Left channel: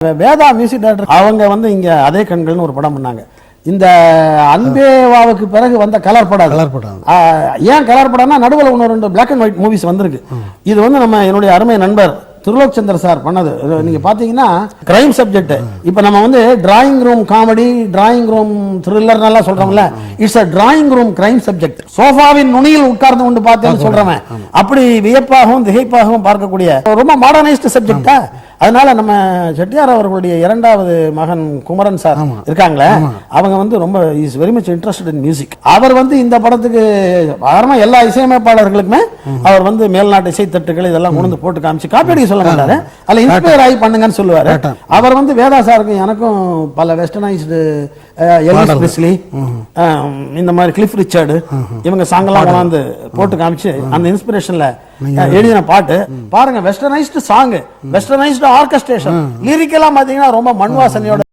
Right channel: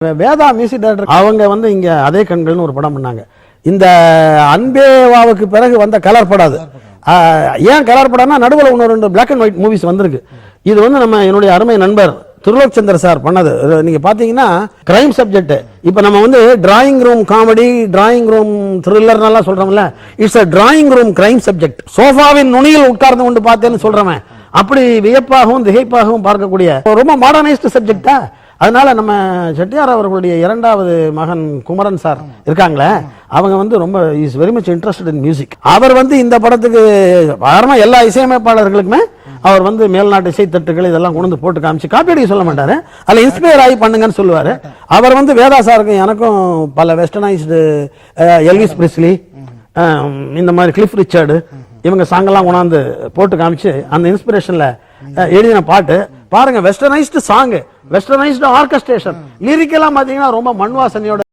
Veda music director அவங்க வந்து இங்க அதே கண்கள்னு ஒரு படம் பண்ணாங்க. இந்த அன்பேவாவுக்கு பிறகு வந்த கலர் படம். ஏன் கலர் படம்னா நடுவில் இன்னொரு 2 பிளாக் அண்ட் ஒயிட் மூவிஸ் வந்திருக்கு. இது வந்து நம்ம என்னுடைய அருமை நண்பர் திருலோக் சந்தர் சார் பண்ணது. நீங்க பாத்தீங்கன்னா கிரைம் சப்ஜெக்ட். இப்ப நம்ம வந்து drawing room comedy, drawing room thriller எல்லாம் சொல்றோம்ல, it's a drawing room crime subject. சோஃபாவின் நுனியில் உட்கார்ந்து கொண்டு பார்த்தேன்னு சொல்றவன் அப்படி வியப்பாகவும் திகைப்பாகவும் பார்க்கக்கூடிய ரொம்ப மாடர்னைஸ்டு சப்ஜெக்டா. அதனால நம்ம செட்டியார் அவர்களுடைய 2வது மகன் குமரன் சார் இருக்காங்களே, அவங்க வந்து ரொம்ப is very much interested in music. அவர் வந்து இந்த படத்துக்கு காரணமா எல்லா இசையமைப்பாளர்களுக்குமே அவர் வந்து மேல்நாட்டு இசை தட்டுகள் இதெல்லாம் கொண்டு போட்டு காமிச்சு காப்பி சொல்ல மாட்டாரு, அதுல இன்ஸ்பயர் ஆகி பண்ணுங்கன்னு சொல்லுவாரு. அவர் வந்து வேதா சாருக்கும் எனக்கும் பல வெஸ்டர்னைஸ்டு எல்விஸ் பிரெஸ்லி இந்த மாதிரி கிளிஃப் ரிச்சர்டு இவங்க சாங்கெல்லாம் கொண்டாந்து போட்டு காமிச்சு அந்த இன்ஸ்பிரேஷன்ல எழுதின பாட்டு பாருங்க. Westernised song, westernised orchestration, lyric எல்லாம் பாத்தீங்கன்னா ரொம்ப மண் வாசனையோட